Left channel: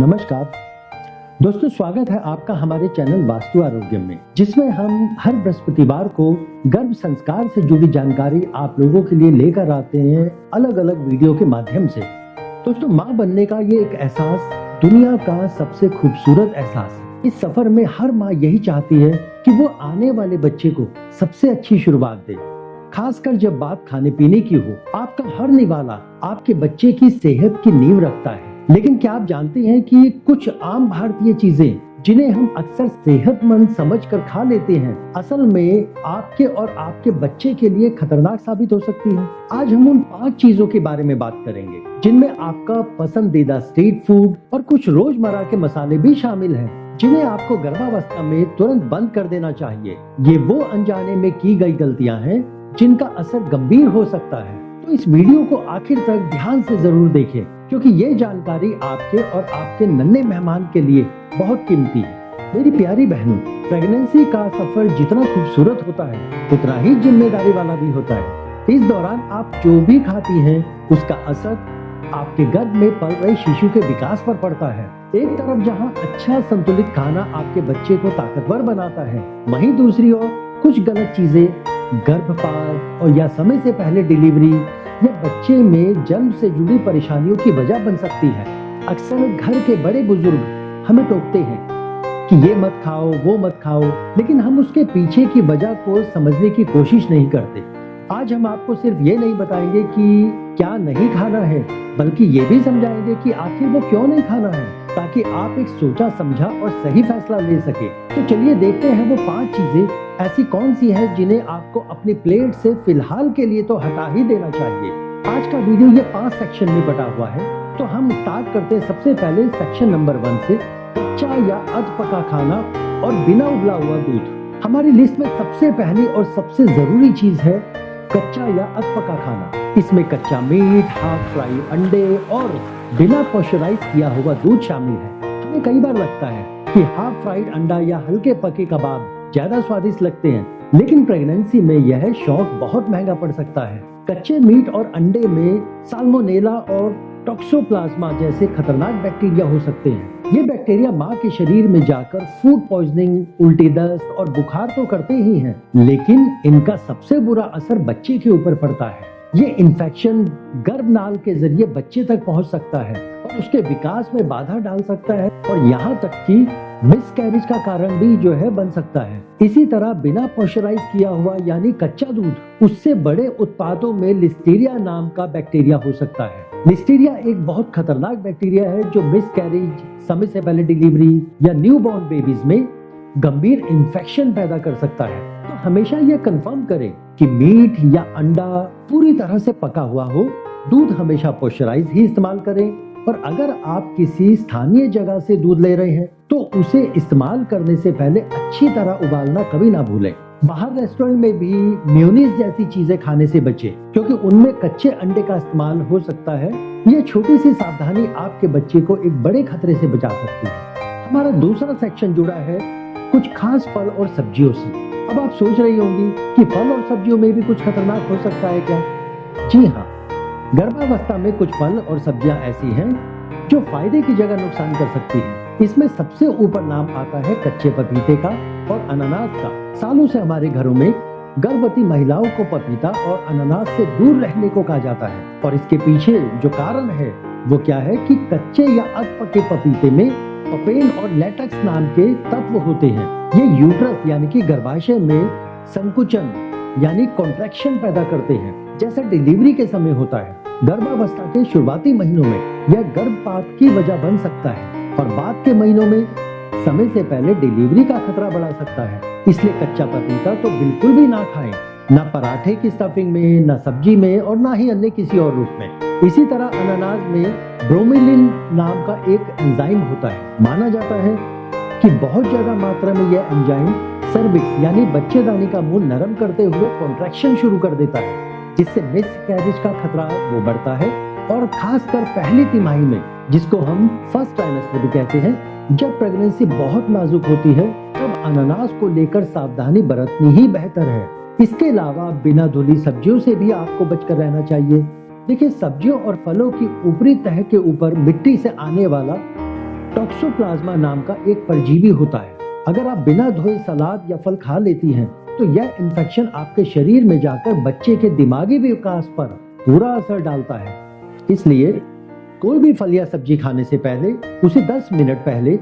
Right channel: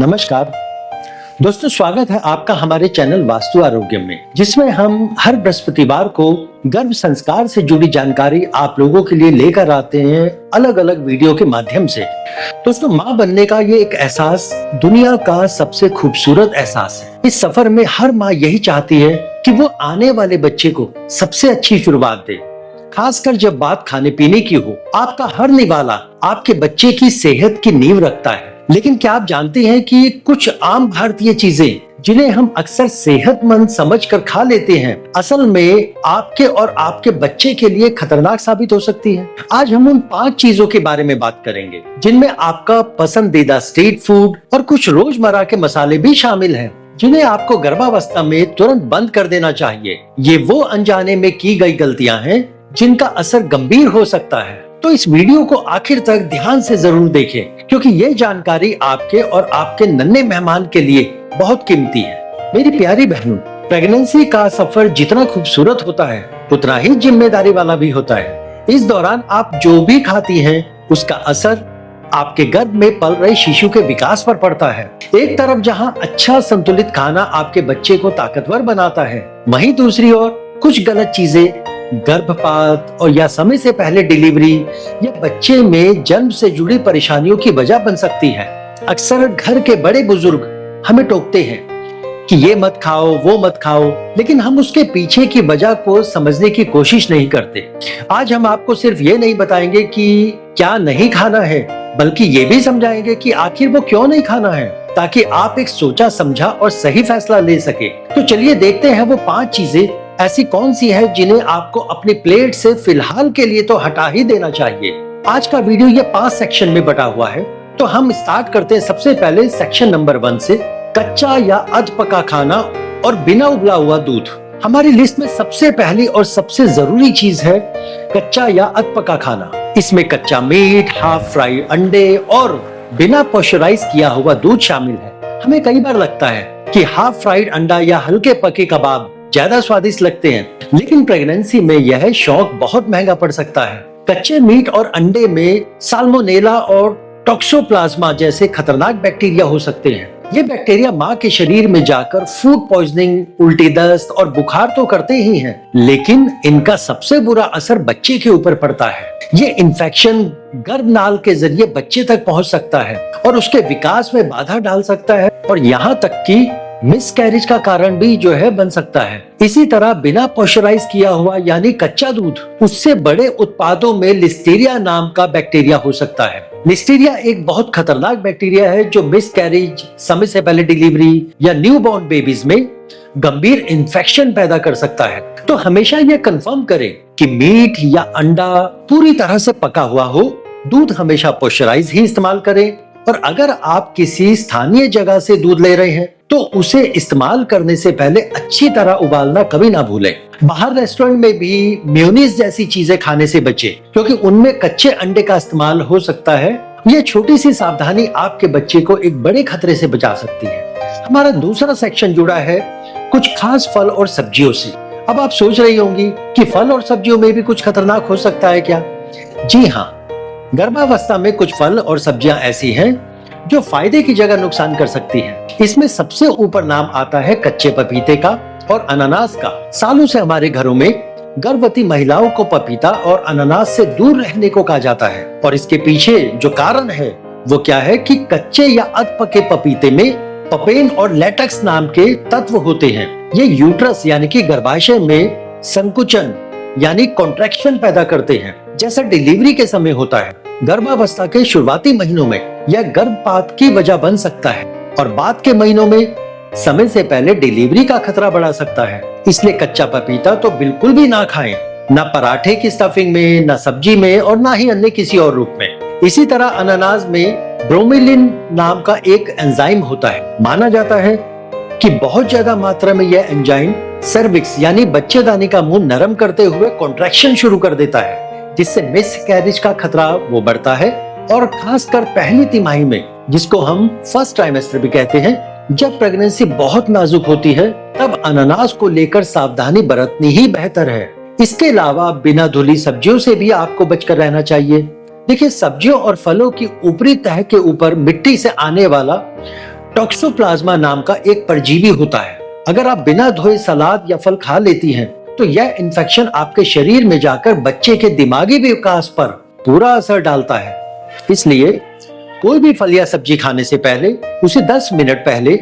नमस्कार दोस्तों, स्वागत है आपका हमारे चैनल वास्तु आरोग्य में, जिसमें हम हर बृहस्पतिवार को गर्भ संस्कार से जुड़ी जानकारी आप लोगों के लिए लेकर आते हैं अलग अलग वीडियो के माध्यम से। दोस्तों, माँ बनने का ये एक एहसास दुनिया का सबसे खूबसूरत एहसास है। इस सफर में हर माँ यही चाहती है कि वो आने वाले बच्चे को सबसे अच्छी शुरुआत दे, खासकर जब बात खाने पीने की हो। आपका हर निवाला आपके बच्चे की सेहत की नींव रखता है। लेकिन क्या आप जानते हैं कि कुछ आम भारतीय चीजें जिन्हें हम अक्सर सेहतमंद समझकर खा लेते हैं, असल में आपके और आपके बच्चे के लिए खतरनाक साबित हो सकती हैं। आज हम उन 5 चीजों के बारे में बात करेंगे जिनमें आपका पसंदीदा स्ट्रीट फूड और कुछ रोजमर्रा के मसाले भी शामिल हैं, जिन्हें आपको गर्भावस्था में तुरंत बंद कर देना चाहिए। ये वो अनजाने में की गई गलतियां हैं जिनका असर गंभीर हो सकता है। तो इस वीडियो को आखिर तक ध्यान से जरूर देखें, क्योंकि ये जानकारी आपके और आपके नन्हे मेहमान के लिए बहुत कीमती है। मेरी प्यारी बहनों, प्रेगनेंसी का सफर जितना खूबसूरत होता है उतना ही जिम्मेदारी वाला भी होता है। इस दौरान आप जो भी खाती हैं उसका असर आपके गर्भ में पल रहे शिशु के विकास पर पड़ता है। एक तरफ जहां अच्छा संतुलित खाना आपके बच्चे को ताकतवर बनाता है, वहीं दूसरी ओर कुछ गलत चीजें गर्भपात और या समय से पहले डिलीवरी या बच्चे में जन्म से जुड़ी परेशानियों की वजह बन सकती है। अक्सर घर के बड़े बुजुर्ग हमें टोकते हैं कि ये मत खाओ, वो मत खाओ, लेकिन हम उसके पीछे की वजह को समझने की कोशिश नहीं करते। आज हम आपको सिर्फ ये नहीं बताएंगे कि क्या नहीं खाना है, बल्कि ये भी समझाएंगे कि आखिर वो क्यों नहीं खाना है, ताकि आप एक सोचा समझा और सही फैसला ले सके। तो चलिए देखते हैं वो 5 चीजें ऐसी कौन सी है जिन्हें आपको अपनी प्लेट से फिलहाल के लिए तो हटा ही देना चाहिए। आज का वीडियो ये 5 सेक्शन में बटा हुआ है, तो हम स्टार्ट करते हैं सबसे पहले सेक्शन नंबर 1 से। कच्चा या अध पका खाना और बिना उबला हुआ दूध। हमारी लिस्ट में सबसे पहली और सबसे जरूरी चीज है कच्चा या अध पका खाना। इसमें कच्चा मीट, हाफ फ्राई अंडे और बिना पॉस्चराइज किया हुआ दूध शामिल है। हमें कई बार लगता है कि हाफ फ्राइड अंडा या हल्के पके कबाब ज्यादा स्वादिष्ट लगते हैं, लेकिन प्रेगनेंसी में यह शौक बहुत महंगा पड़ सकता है। कच्चे मीट और अंडे में साल्मोनेला और टॉक्सोप्लाज्मा जैसे खतरनाक बैक्टीरिया हो सकते हैं। ये बैक्टीरिया माँ के शरीर में जाकर फूड पॉइजनिंग, उल्टी दस्त और बुखार तो करते ही हैं, लेकिन इनका सबसे बुरा असर बच्चे के ऊपर पड़ता है। ये इन्फेक्शन गर्भनाल के जरिए बच्चे तक पहुंच सकता है और उसके विकास में बाधा डाल सकता है, और यहाँ तक कि मिसकैरेज का कारण भी बन सकता है। इसी तरह बिना पॉस्चराइज किया हुआ यानी कच्चा दूध, उससे बड़े उत्पादों में लिस्टीरिया नाम का बैक्टीरिया हो सकता है। लिस्टीरिया एक बहुत खतरनाक बैक्टीरिया है जो मिसकैरेज, समय से पहले डिलीवरी या न्यूबॉर्न बेबीज में गंभीर इन्फेक्शन पैदा कर सकता है। तो हमेशा यह कंफर्म करें कि मीट या अंडा पूरी तरह से पका हुआ हो। दूध हमेशा पॉस्चराइज ही इस्तेमाल करें, और अगर आप किसी स्थानीय जगह से दूध ले रहे हैं तो उसे इस्तेमाल करने से पहले अच्छी तरह उबालना कभी ना भूलें। बाहर रेस्टोरेंट में भी मेयोनीज जैसी चीजें खाने से बचें, क्योंकि उनमें कच्चे अंडे का इस्तेमाल हो सकता है। यह छोटी सी सावधानी आपके बच्चे को एक बड़े खतरे से बचा सकती है। हमारा दूसरा सेक्शन जुड़ा है कुछ खास फल और सब्जियों से। अब आप सोच रही होंगी कि फल और सब्जियों में भी कुछ खतरनाक हो सकता है क्या? जी हाँ, गर्भावस्था में कुछ फल और सब्जियां ऐसी हैं जो फायदे की जगह नुकसान कर सकती हैं। इसमें सबसे ऊपर नाम आता है कच्चे पपीते का और अनानास का। सालों से हमारे घरों में गर्भवती महिलाओं को पपीता और अनानास से दूर रहने को कहा जाता है, और इसके पीछे जो कारण है वो क्या है कि कच्चे या अध पके पपीते में पपेन और लेटेक्स नाम के तत्व होते हैं। ये यूट्रस यानी कि गर्भाशय में संकुचन यानी कॉन्ट्रैक्शन पैदा करते हैं, जैसा डिलीवरी के समय होता है। गर्भावस्था के शुरुआती महीनों में यह गर्भपात की वजह बन सकता है, और बाद के महीनों में समय से पहले डिलीवरी का खतरा बढ़ा सकता है। इसलिए कच्चा पपीता तो बिल्कुल भी ना खाएं, ना पराठे की स्टफिंग में, ना सब्जी में, और ना ही अन्य किसी और रूप में। इसी तरह अनानास में ब्रोमेलिन नाम का एक एंजाइम होता है। माना जाता है कि बहुत ज्यादा मात्रा में यह एंजाइम सर्विक्स यानी बच्चेदानी का मुंह नरम करते हुए कॉन्ट्रैक्शन शुरू कर देता है, जिससे मिसकैरेज का खतरा वो बढ़ता है। और खासकर पहली तिमाही में, जिसको हम फर्स्ट ट्राइमेस्टर भी कहते हैं, जब प्रेगनेंसी बहुत नाजुक होती है, तब अनानास को लेकर सावधानी बरतनी ही बेहतर है। इसके अलावा बिना धुली सब्जियों से भी आपको बचकर रहना चाहिए। देखिए, सब्जियों और फलों की ऊपरी तह के ऊपर मिट्टी से आने वाला टॉक्सोप्लाज्मा नाम का एक परजीवी होता है। अगर आप बिना धोए सलाद या फल खा लेती हैं, तो यह इन्फेक्शन आपके शरीर में जाकर बच्चे के दिमागी विकास पर बुरा असर डालता है। इसलिए कोई भी फल या सब्जी खाने से पहले उसे 10 मिनट पहले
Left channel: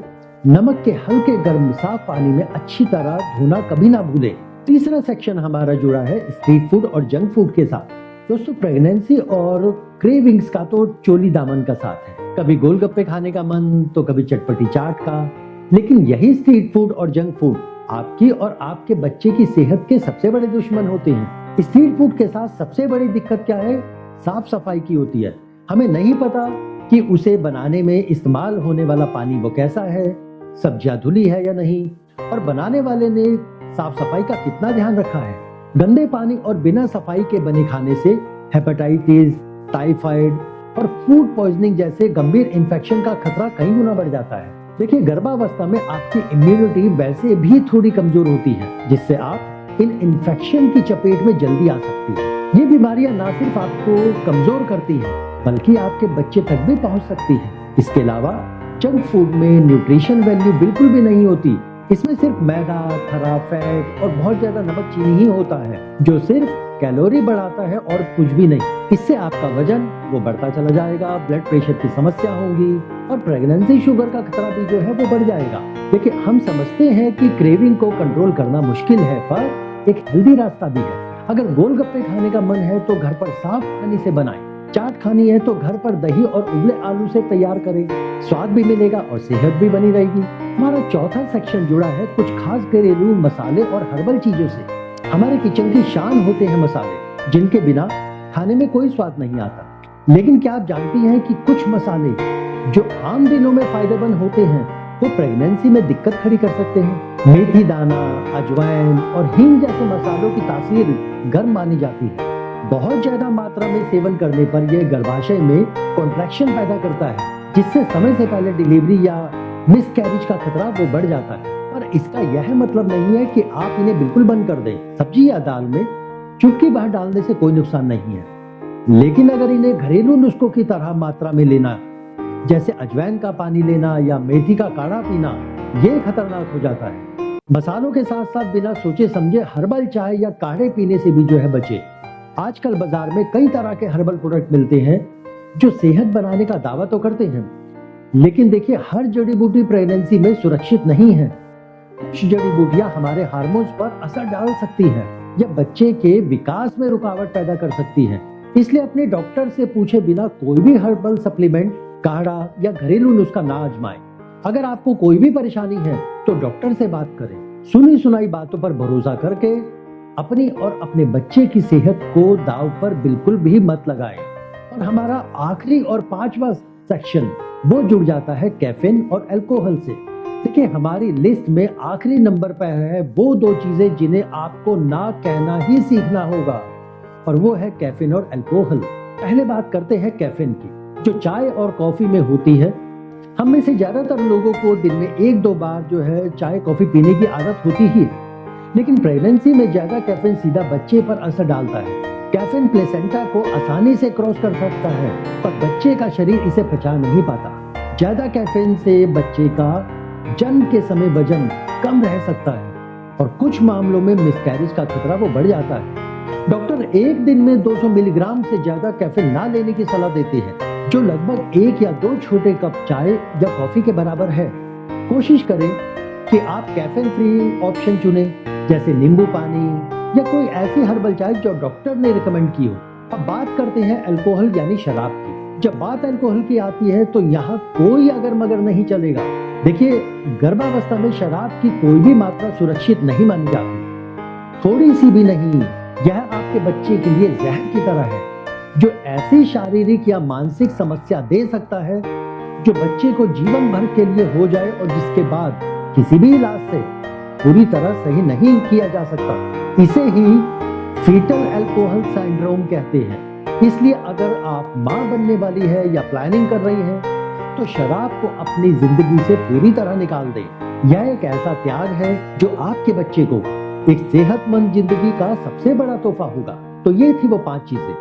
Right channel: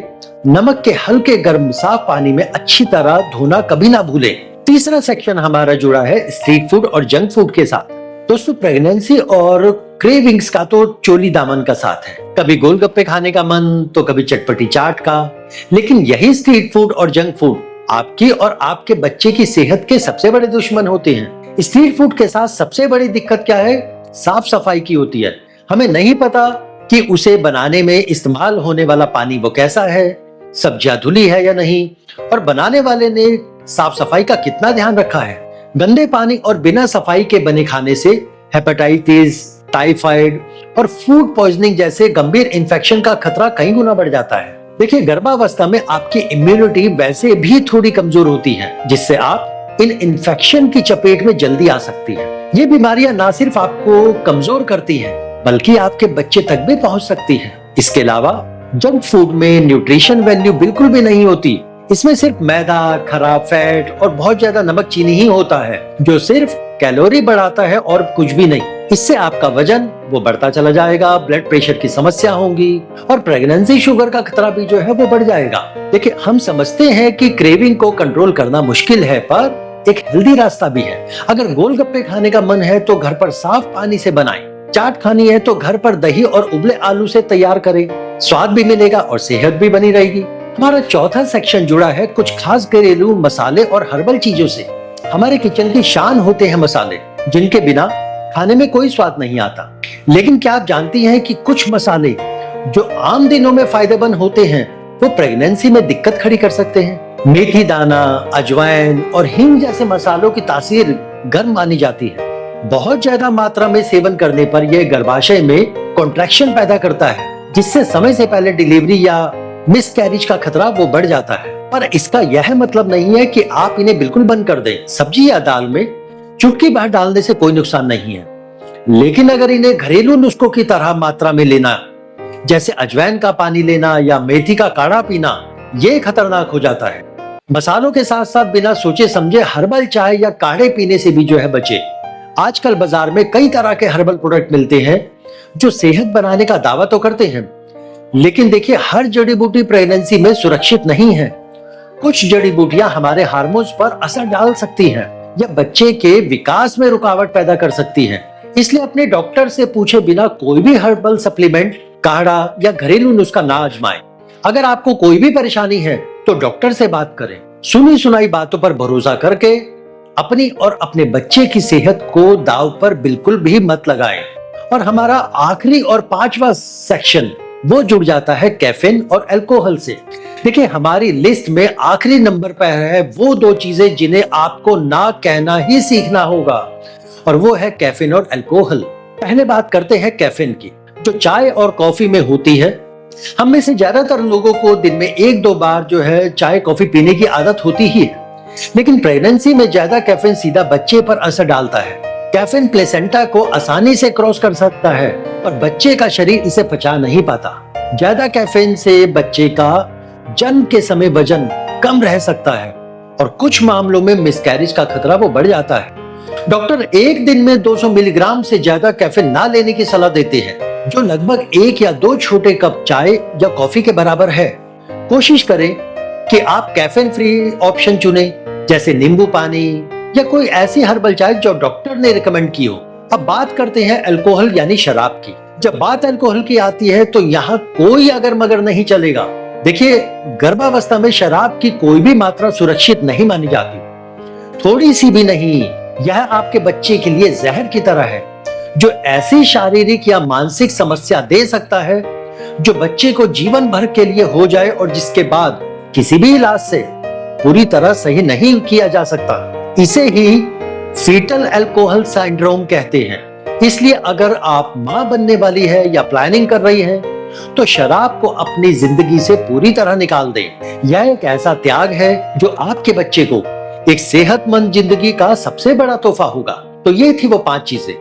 नमक के हल्के गर्म साफ पानी में अच्छी तरह धोना कभी ना भूलें। तीसरा सेक्शन हमारा जुड़ा है स्ट्रीट फूड और जंक फूड के साथ। दोस्तों, प्रेगनेंसी और क्रेविंग्स का तो चोली दामन का साथ है। कभी गोलगप्पे खाने का मन तो कभी चटपटी चाट का। लेकिन यही स्ट्रीट फूड और जंक फूड आपकी और आपके बच्चे की सेहत के सबसे बड़े दुश्मन होते हैं। स्ट्रीट फूड के साथ सबसे बड़ी दिक्कत क्या है? साफ सफाई की होती है। हमें नहीं पता कि उसे बनाने में इस्तेमाल होने वाला पानी वो कैसा है, सब्जियां धुली है या नहीं, और बनाने वाले ने साफ सफाई का कितना ध्यान रखा है। गंदे पानी और बिना सफाई के बने खाने से हेपेटाइटिस, टाइफाइड और फूड पॉइजनिंग जैसे गंभीर इन्फेक्शन का खतरा कई गुना बढ़ जाता है। देखिए, गर्भावस्था में आपकी इम्यूनिटी वैसे भी थोड़ी कमजोर होती है, जिससे आप इन इन्फेक्शन की चपेट में जल्दी आ सकती है। ये बीमारियां ना सिर्फ आपको कमजोर करती हैं, बल्कि आपके बच्चे तक भी पहुंच सकती हैं। इसके अलावा जंक फूड में न्यूट्रिशन वैल्यू बिल्कुल भी नहीं होती। इसमें सिर्फ मैदा, खराब फैट और बहुत ज्यादा नमक चीनी ही होता है, जो सिर्फ कैलोरी बढ़ाता है और कुछ भी नहीं। इससे आपका वजन वो बढ़ता चला जाएगा, ब्लड प्रेशर की समस्या होगी और प्रेगनेंसी शुगर का खतरा भी जो है वो बढ़ जाएगा। देखिए, हम समझते हैं कि क्रेविंग को कंट्रोल करना मुश्किल है, पर एक हेल्दी रास्ता भी है। अगर गोलगप्पे खाने का मन है तो घर पर साफ पानी से बनाएं। चाट खानी है तो घर पर दही और उबले आलू से तैयार करें। स्वाद भी मिलेगा और सेहत भी बनी रहेगी। हमारा चौथा सेक्शन जुड़ा है कुछ खास घरेलू मसाले और हर्बल चीजों से। हमारे किचन की शान होते हैं मसाले, जिनके बिना खाने में कोई स्वाद नहीं आता। लेकिन क्या आप जानती हैं कि कुछ मसाले जो आम दिनों में फायदेमंद होते हैं, वो प्रेगनेंसी में दिक्कत खड़ी कर सकते हैं। मेथी दाना, अजवाइन और हींग जैसे मसालों की तासीर गर्म मानी जाती है। बहुत ज्यादा मात्रा में सेवन करने पर यह गर्भाशय में कॉन्ट्रैक्शन पैदा करता है, जिससे समय से पहले डिलीवरी या मिसकैरेज का खतरा वो बढ़ जाता है। पर इसका यह मतलब नहीं है कि आप इन्हें बिल्कुल बंद कर दें। सब्जी या दाल में चुटकी भर डालने से कोई नुकसान नहीं है, लेकिन अगर इन्हें घरेलू नुस्खों की तरह मात्रा में लेना, जैसे अजवाइन का पानी लेना या मेथी का काढ़ा पीना, ये खतरनाक हो जाता है। मसालों के साथ साथ बिना सोचे समझे हर्बल चाय या काढ़े पीने से भी जो है बचे। आजकल बाजार में कई तरह के हर्बल प्रोडक्ट मिलते हैं जो सेहत बनाने का दावा तो करते हैं, लेकिन देखिए, हर जड़ी बूटी प्रेगनेंसी में सुरक्षित नहीं है। कुछ जड़ी बूटियां हमारे हार्मोन्स पर असर डाल सकती हैं या बच्चे के विकास में रुकावट पैदा कर सकती हैं। इसलिए अपने डॉक्टर से पूछे बिना कोई भी हर्बल सप्लीमेंट, काढ़ा या घरेलू नुस्खा ना आजमाएं। अगर आपको कोई भी परेशानी है तो डॉक्टर से बात करें। सुनी सुनाई बातों पर भरोसा करके अपनी और अपने बच्चे की सेहत को दांव पर बिल्कुल भी मत लगाएं। और हमारा आखिरी और पांचवा सेक्शन वो जुड़ जाता है कैफीन और अल्कोहल से। देखिए, हमारी लिस्ट में आखिरी नंबर पर है वो दो चीजें जिन्हें आपको ना कहना ही सीखना होगा, और वो है कैफीन और अल्कोहल। पहले बात करते हैं कैफीन की, जो चाय और कॉफी में होती है। हम में से ज्यादातर लोगों को दिन में 1-2 बार जो है चाय कॉफी पीने की आदत होती ही है, लेकिन प्रेगनेंसी में ज्यादा कैफीन सीधा बच्चे पर असर डालता है। कैफीन प्लेसेंटा को आसानी से क्रॉस कर सकता है, पर बच्चे का शरीर इसे पचा नहीं पाता। ज्यादा कैफीन से बच्चे का जन्म के समय वजन कम रह सकता है और कुछ मामलों में मिसकैरेज का खतरा वो बढ़ जाता है। डॉक्टर एक दिन में 200 मिलीग्राम से ज्यादा कैफीन ना लेने की सलाह देते हैं, जो लगभग 1 या 2 छोटे कप चाय या कॉफी के बराबर है। कोशिश करें कि आप कैफीन फ्री ऑप्शन चुनें, जैसे नींबू पानी या कोई ऐसी हर्बल चाय जो डॉक्टर ने रिकमेंड की हो। अब बात करते हैं अल्कोहल यानी शराब की। जब बात अल्कोहल की आती है तो यहाँ कोई अगर मगर नहीं चलेगा। देखिए, गर्भावस्था में शराब की कोई भी मात्रा सुरक्षित नहीं मानी जाती, थोड़ी सी भी नहीं। यह आपके बच्चे के लिए जहर की तरह है, जो ऐसी शारीरिक या मानसिक समस्या दे सकता है जो बच्चे को जीवन भर के लिए हो जाए और जिसके बाद किसी भी इलाज से पूरी तरह सही नहीं किया जा सकता। इसे ही फीटल अल्कोहल सिंड्रोम कहते हैं। इसलिए अगर आप मां बनने वाली है या प्लानिंग कर रही है तो शराब को अपनी जिंदगी से पूरी तरह निकाल दें। यह एक ऐसा त्याग है जो आपके बच्चे को एक सेहतमंद जिंदगी का सबसे बड़ा तोहफा होगा। तो ये थी वो 5 चीजें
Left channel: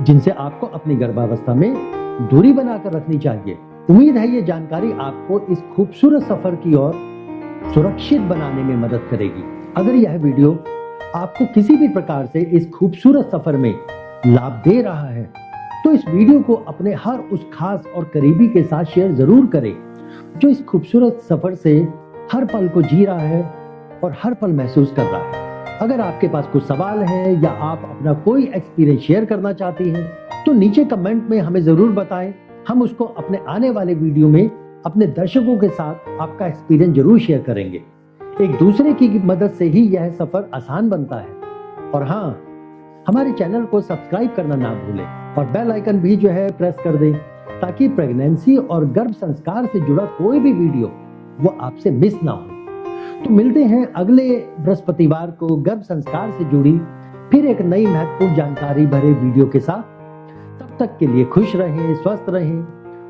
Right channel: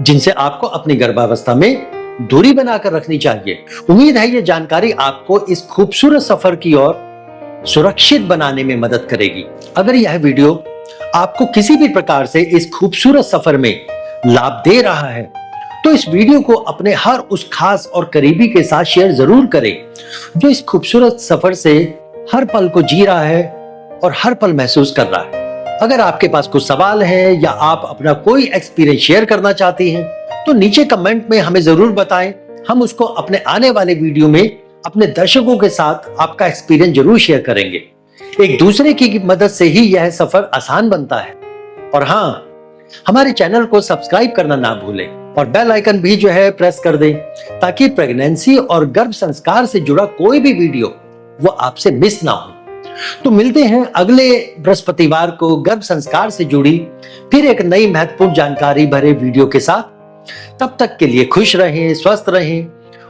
जिनसे आपको अपनी गर्भावस्था में दूरी बनाकर रखनी चाहिए। उम्मीद है ये जानकारी आपको इस खूबसूरत सफर की ओर सुरक्षित बनाने में मदद करेगी। अगर यह वीडियो आपको किसी भी प्रकार से इस खूबसूरत सफर में लाभ दे रहा है तो इस वीडियो को अपने हर उस खास और करीबी के साथ शेयर जरूर करें जो इस खूबसूरत सफर से हर पल को जी रहा है और हर पल महसूस कर रहा है। अगर आपके पास कुछ सवाल है या आप अपना कोई एक्सपीरियंस शेयर करना चाहती हैं तो नीचे कमेंट में हमें जरूर बताएं। हम उसको अपने आने वाले वीडियो में अपने दर्शकों के साथ आपका एक्सपीरियंस जरूर शेयर करेंगे। एक दूसरे की मदद से ही यह सफर आसान बनता है। और हाँ, हमारे चैनल को सब्सक्राइब करना ना भूलें और बेल आइकन भी जो है प्रेस कर दें ताकि प्रेगनेंसी और गर्भ संस्कार से जुड़ा कोई भी वीडियो वो आपसे मिस ना हो। तो मिलते हैं अगले बृहस्पतिवार को गर्भ संस्कार से जुड़ी फिर एक नई महत्वपूर्ण जानकारी भरे वीडियो के साथ। तब तक के लिए खुश रहें, स्वस्थ रहें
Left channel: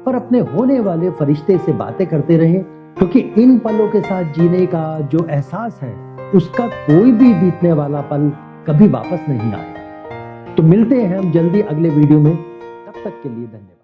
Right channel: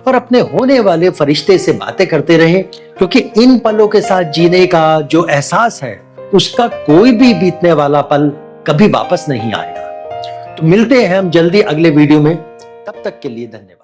और अपने होने वाले फरिश्ते से बातें करते रहें, क्योंकि इन पलों के साथ जीने का जो एहसास है उसका कोई भी बीतने वाला पल कभी वापस नहीं आएगा। तो मिलते हैं हम जल्दी अगले वीडियो में। तब तक के लिए धन्यवाद।